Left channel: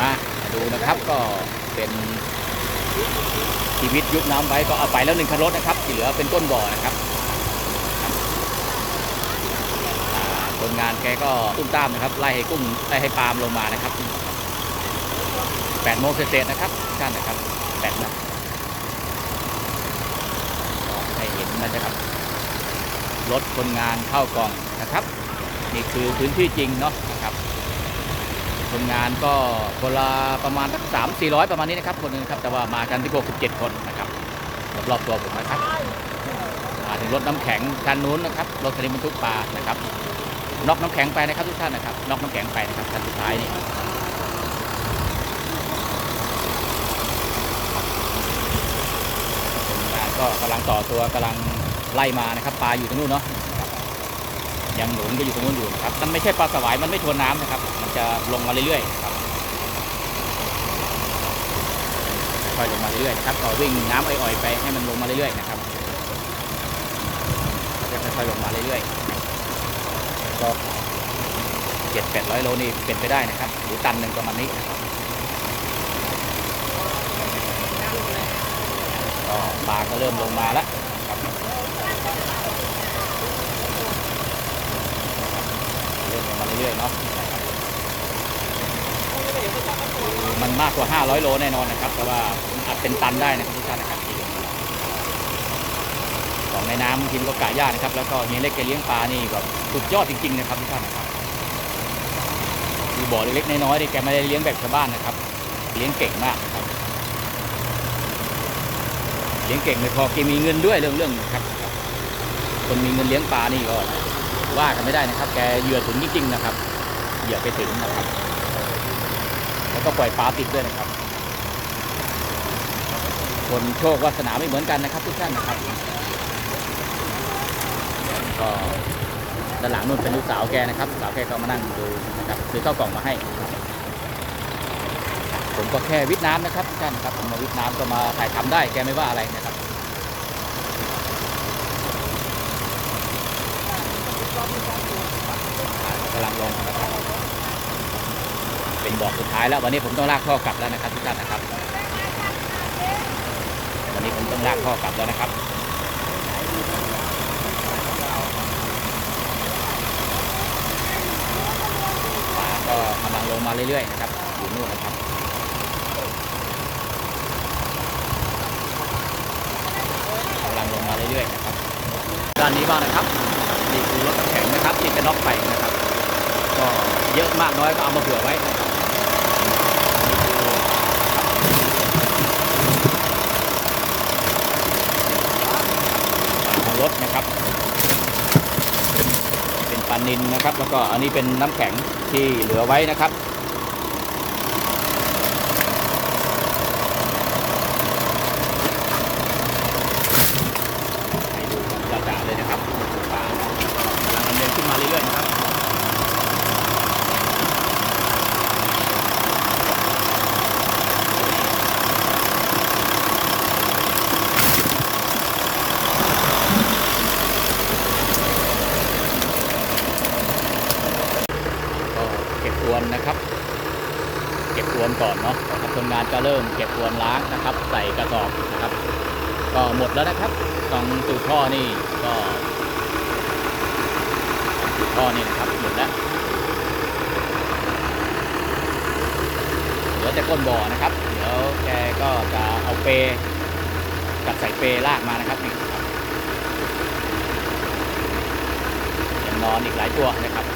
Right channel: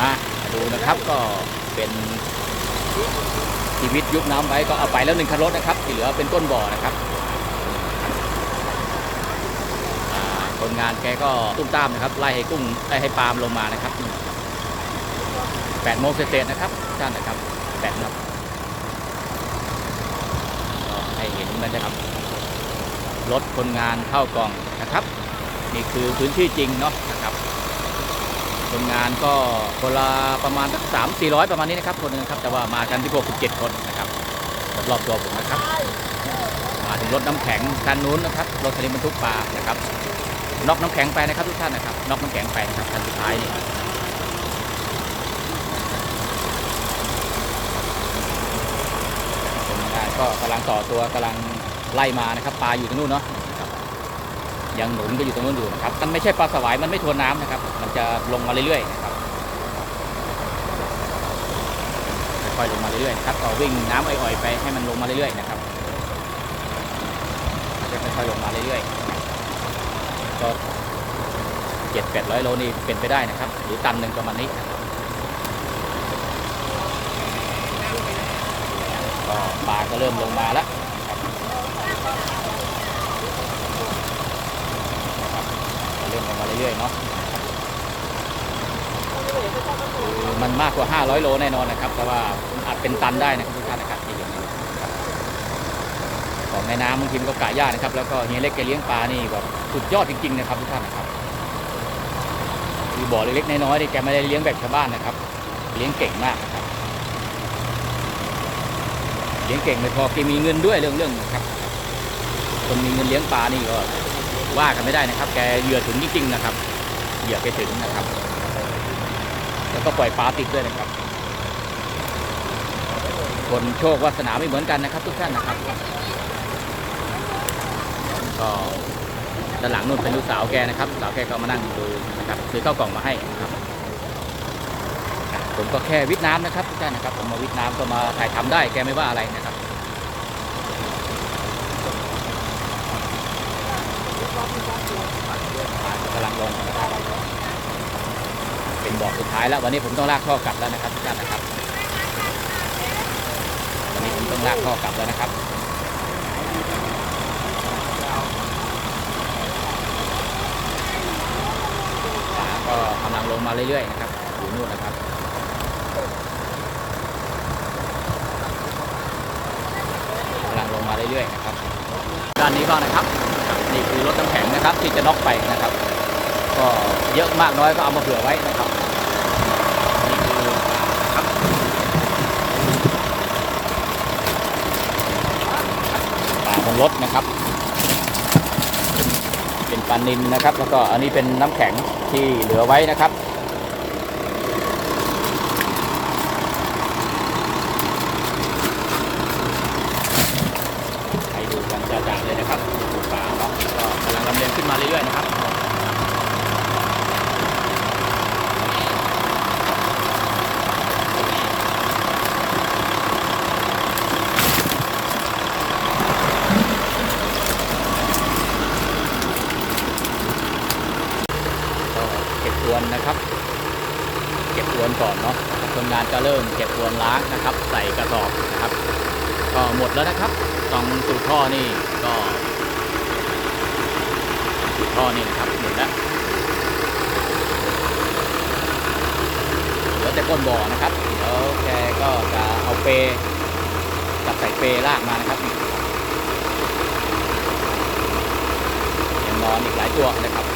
มาดูนะครับก็เป็นชีวิตยุบน้ำไว้ก็เอาไปแล้วหนึ่งคันรถนะครับที่เหลือเป็นก้นบ่อนะครับคนงานแกก็ตุ้มตามนะครับไล่ให้กุ้งไล่ให้ปาล์มลงมานะครับนู่นะครับแปดโมงเศษนะครับท่านนะครับแปดครับก็ให้เห็นมันนะครับรถคนงานเข้ากล่องนะครับ นี่คือพื้นที่จริงเนาะนะครับ คนงานก็คนละประมาณสักสามสี่ร้อยประมาณนี้นะครับคนนึงนะครับแต่ว่ามากันที่พวกสิบเจ็ดคนนะครับรอบๆตัวผมนะครับ มาถึงรถน้ำแข็งคันนู้นนะครับรถคันนี้บรรทุกปลานะครับนอกน้ำแข็งไปนะครับทุกท่านนะครับนอกน้ำแข็งไปนะครับคันสุดท้ายนี่คนงานก็กำลังต่อตัวกำลังไล่มานะครับปลาอยู่ตรงนู้นเนาะ ยังหนุนก็อยู่ตรงนู้นอยู่นะครับ มันไม่ใช่ปลาสวายมันไม่ทวนน้ำนะครับ มันจะลงมาเรื่อยๆนะครับค่อยๆลงมาเรื่อยๆนะครับ ก็วิ่งน้ำอ่อยๆไปให้มันลงมาเรื่อยๆนะครับจะค่อยๆลงมาเรื่อยๆก็เจ็ดแปดร้อยโลนี่เป็นไปได้นะครับ หรือตันหนึ่งประมาณนี้นะครับก็ปลาก็เริ่มลงมาแล้วนะครับ นะครับก็เริ่ มลงมาเรื่อยๆเนาะนะครับคือมันมากกว่า 500 โลแน่นอนนะครับ แต่ว่ามันอาจเป็นตันได้นะครับทุกท่านนะครับที่เห็นนี่เนาะครับของในน้ำบางทีมันก็กะยากนะครับ แล้วก็เฮียเล็กแกเลี้ยงปลานี่แบบสุดยอดจริงๆนะครับทุกท่านนะครับคือบ่อเล็กๆน้อยๆนี่แกไม่ได้เลี้ยงแบบชาวบ้านนะครับ เลี้ยงเก่งมากนะครับ เลี้ยงเก่งไม่พอแกมีเงินด้วยเรื่องเรื่องครับคนมีเงินเลี้ยงปลานี่ก็ ว่ากันไม่ได้นะครับ แกเหยื่อถึงจริงๆนะครับ เหยื่อไปถึงนะครับ แล้วก็ปล่อยปลาติดด้วยนะครับ คนโชควาสนาไม่เหมือนกันนะครับ ทุกท่านนะครับ ก็ด้านหลังนู่นเป็นลูกสาวแกนะครับลูกสาวแกก็มานั่งดูนะครับซื้อข้าวกล่องมาให้นะครับ ผมก็แค่วิทน้ำนะครับทุกท่านนะครับ ผมมาวิทน้ำก็มาถ่ายทำได้แกไม่ว่าอะไรนะครับ ปลาก็กำลังลงนะครับ เป็นบ่อสุดท้ายแล้ววันนี้ผมต้องลากท่อกลับแล้วนะครับทุกท่านนะครับ วันนี้ผมต้องลากท่อกลับแล้วนะครับปลาก็กำลังลงมาเรื่อยๆนะครับ อยู่นู่นนะครับ กำ ลงลงมาเรื่อยๆนะครับ ด้านนี้บ้างนะครับนี่คือรถน้ำแข็งนะครับที่จะน็อกไปนะครับ ก็เยอะมากน้อยก็เอามาเผื่อไว้นะครับนี่คือครับเป็นรถนะครับ เป็นปลานินนะครับ แล้วก็อันนี้เป็นน้ำแข็งที่เหลือไว้นะครับ ให้ดูกันจ่าๆเลยนะครับดูปลาเนาะก็กำลังดำ เรื่อยๆนะครับครับก็เก็บอวนนะครับ เก็บอวนก่อนเนาะนะครับคนงานก็เริ่มเก็บอวนล้างนะครับ ใส่กระสอบนะครับ ก็หมดแล้วนะครับตรงตูดท่อนี่ก็ ตูดท่อนี่นะครับหมดแล้วเหลือแต่ก้นบ่อนะครับ เดี๋ยวแกก็จะเอาเปจับใส่เปลากมานะครับนี่นะครับยังนอนอีกหลายตัวนะครับ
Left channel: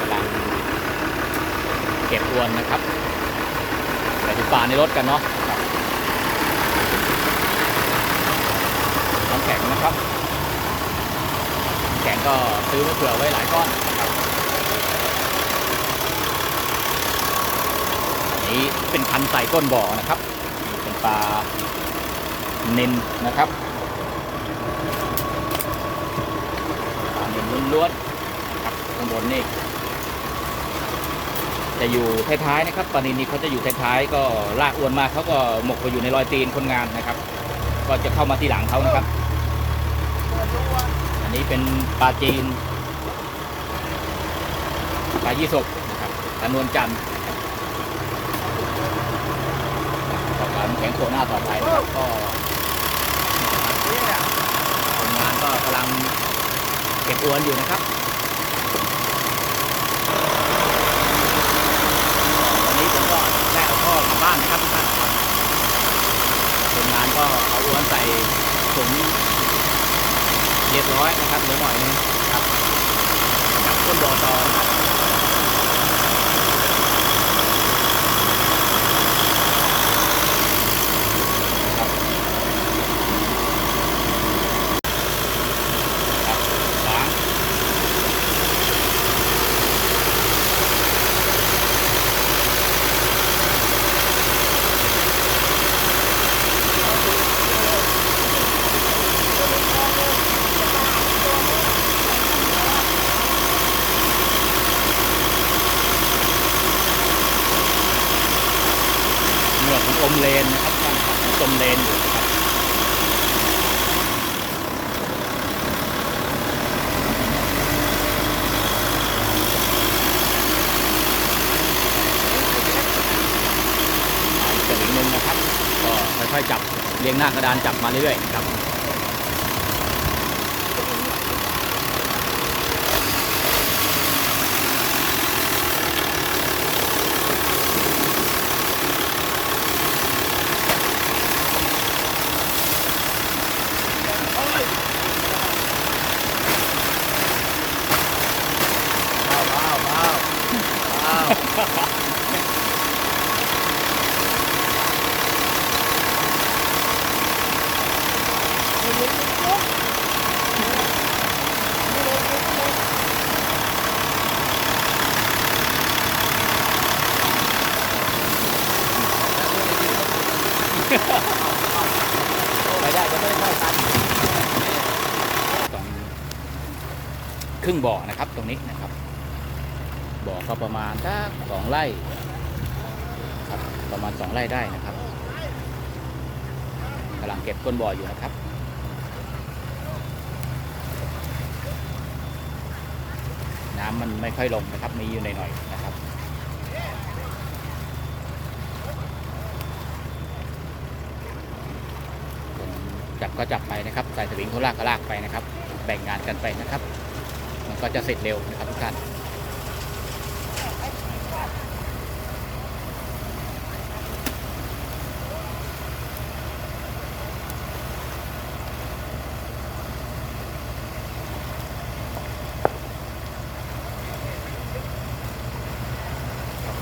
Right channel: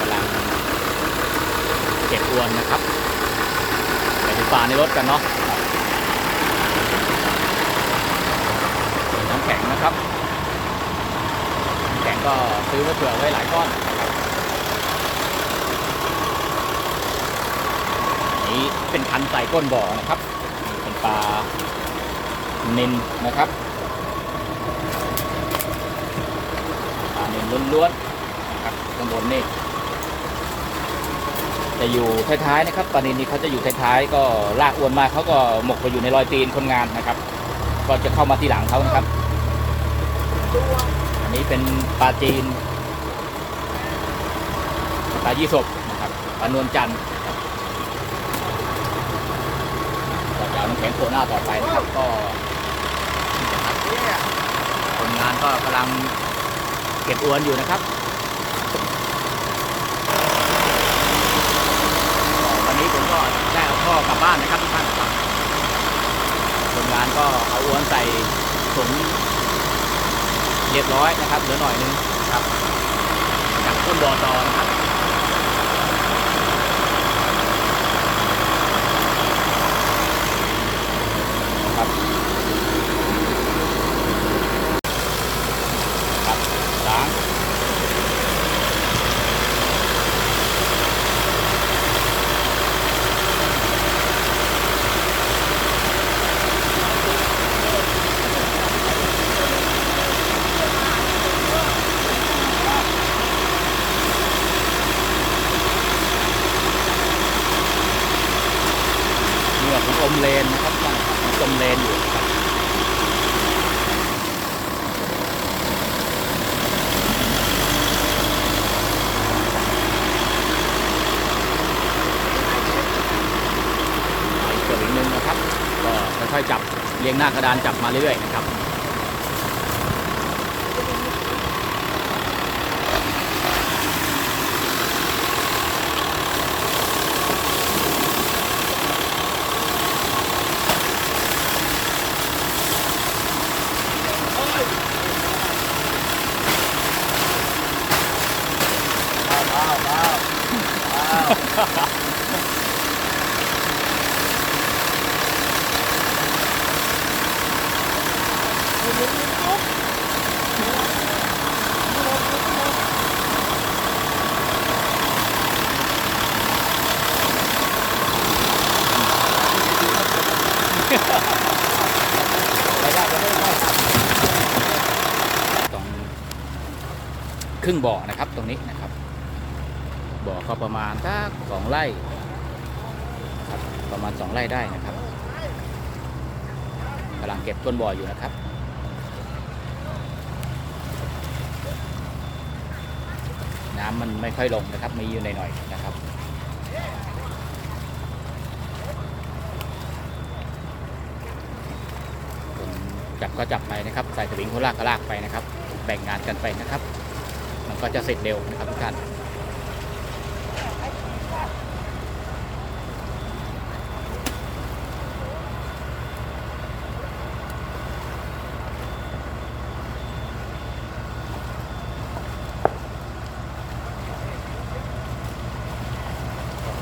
กำลังเก็บอวนนะครับไปดูปลาในรถกันเนาะครับน้ำ แข็งนะครับน้ำแข็งก็ซื้อมาเผื่อไว้หลายก้อนนะครับอันนี้เป็นพันใส่ก้นบ่อนะครับ เป็นปลาเนินนะครับปลาเนินล้วนๆนะครับข้างบนนี่จะอยู่ท้ายๆนะครับปลานินนี่เขาจะอยู่ท้ายๆก็ลากอวนมาเขาก็หมกไปอยู่ในรอยตีนคนงานนะครับ ก็จะเข้ามาทีหลังเขานะครับ อันนี้เป็นปลาจีน ปลายี่สบนะครับ ปลานวลจันทร์นะครับก็จะเอาน้ำแข็งโปะหน้าต่อไปนะครับ ก็นี่นะครับคนงานก็กำลังเก็บอวนอยู่นะครับวันนี้ผมก็ได้เอาท่อกลับบ้านนะครับทุกท่านครับ คนงานก็เอาอวนใส่ถุง เรียบร้อยนะครับเหลือหน่อยนึงครับจับก้นบ่อต่อนะครับครับ เหงือกมันอมเลนนะครับท่านนะครับมันจมเลนอยู่นะครับอีกสวิงหนึ่งนะครับ ก็ค่อยๆจับเรียงหน้ากระดานจับมาเรื่อยๆนะครับ ไปได้จะไม่ได้เข้าตันตรงครึ่งบ่อนะครับตรงนี้นะครับ บ่อก็ประมาณสักสองไร่ครับประมาณสองไร่ได้นะครับกำลังเก็บก้นบ่ออยู่นะครับน้ำมันไม่ค่อยลงนะครับ มีอยู่หน่อยๆนะครับ จับก็จับไปนะครับ ใส่สวิงเขาลากก็ลากไปนะครับ แบ่งงานกันไปนะครับ มันก็จะเสร็จเร็วนะครับทุกท่าน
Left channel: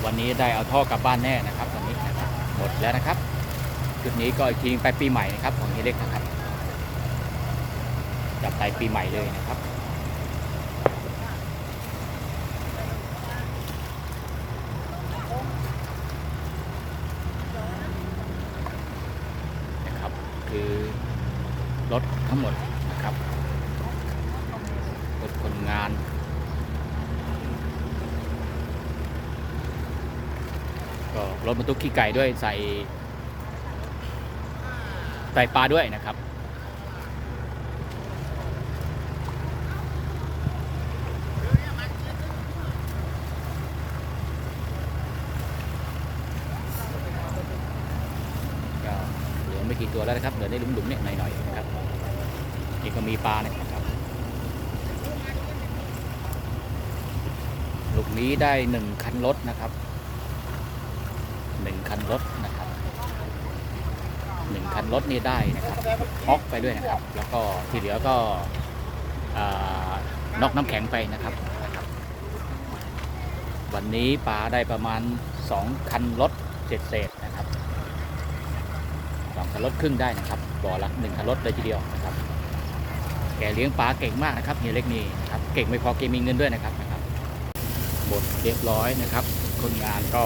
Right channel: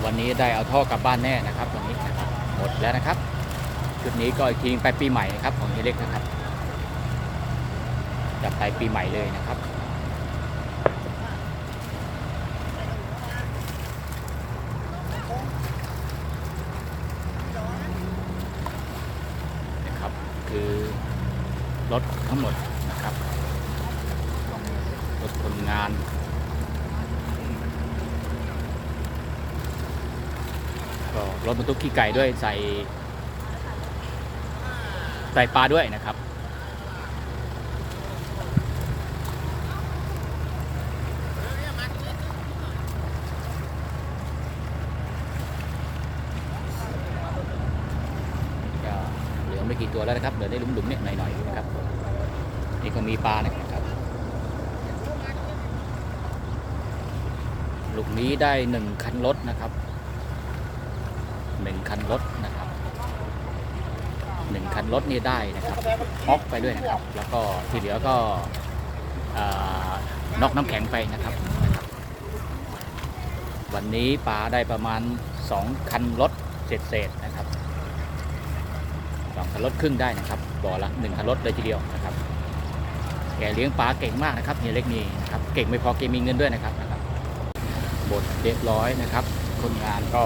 วันนี้ได้เอาท่อกลับบ้านแน่นะครับ วันนี้นะครับหมดแล้วนะครับ ชุดนี้ก็อีกทีไปปีใหม่นะครับ ของเฮเล็กนะครับ จะไปปีใหม่เลยนะครับนะครับ คือรถทั้งหมดนะครับรถคนงานก็รถบรรทุกขี้ไก่ด้วยใส่ ใส่ปลาด้วยนะครับก็เหลือไม่กี่ตัวแล้วนะครับเหลือได้หลุมๆเนี่ยหน่อยๆนะครับนี่ก็มีปลานะครับลูกนี้ได้หนึ่งคันรถนะครับหนึ่งคันรถนะครับ หนึ่งคันรถนี่ได้นะครับฮอกไปด้วยนะครับ แล้วก็ที่เหลือก็นอกน้ำแข็งไปนะครับนะครับ วันนี้ปลาได้ประมาณ 2 คันรถเศษๆนะครับสองคันรถครึ่งได้นะครับบ่อละหนึ่งคันรถเลยทีเดียวนะครับ แกเลี้ยงปลาเก่งมากนะครับเฮียเล็กนี่นะครับเก่งไม่พอเก่งมีเงินด้วยนะครับนะครับบดเรียบร้อยนะครับ คนงานก็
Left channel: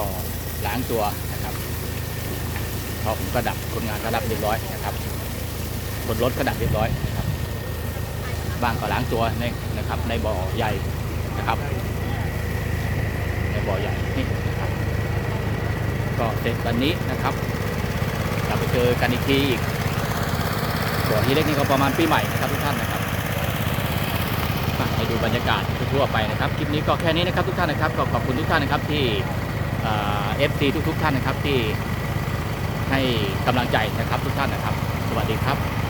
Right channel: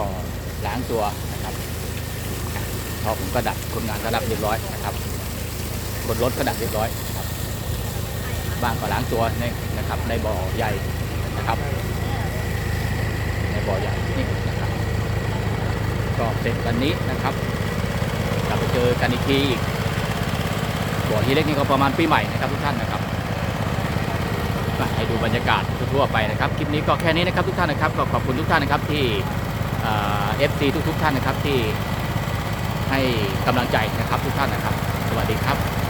ล้างตัวนะครับ พอผมก็ดับคนงานก็ดับเรียบร้อยนะครับ คนรถก็ดับเรียบร้อยนะครับบ้างก็ล้างตัวในนะครับ ในบ่อใหญ่นะครับ ในบ่อใหญ่นี่นะครับ ก็เสร็จวันนี้นะครับจะไปเจอกันอีกทีอีกบ่อที่เล็กนี้ก็ประมาณปีใหม่นะครับทุกท่านนะครับให้ดูบรรยากาศทั่วไปนะครับคลิปนี้ก็แค่นี้นะครับทุกท่านนะครับก็ขอบคุณทุกท่านนะครับที่เอฟซีทุกๆท่านนะครับที่ ให้กำลังใจนะครับทุกท่านนะครับ สวัสดีครับ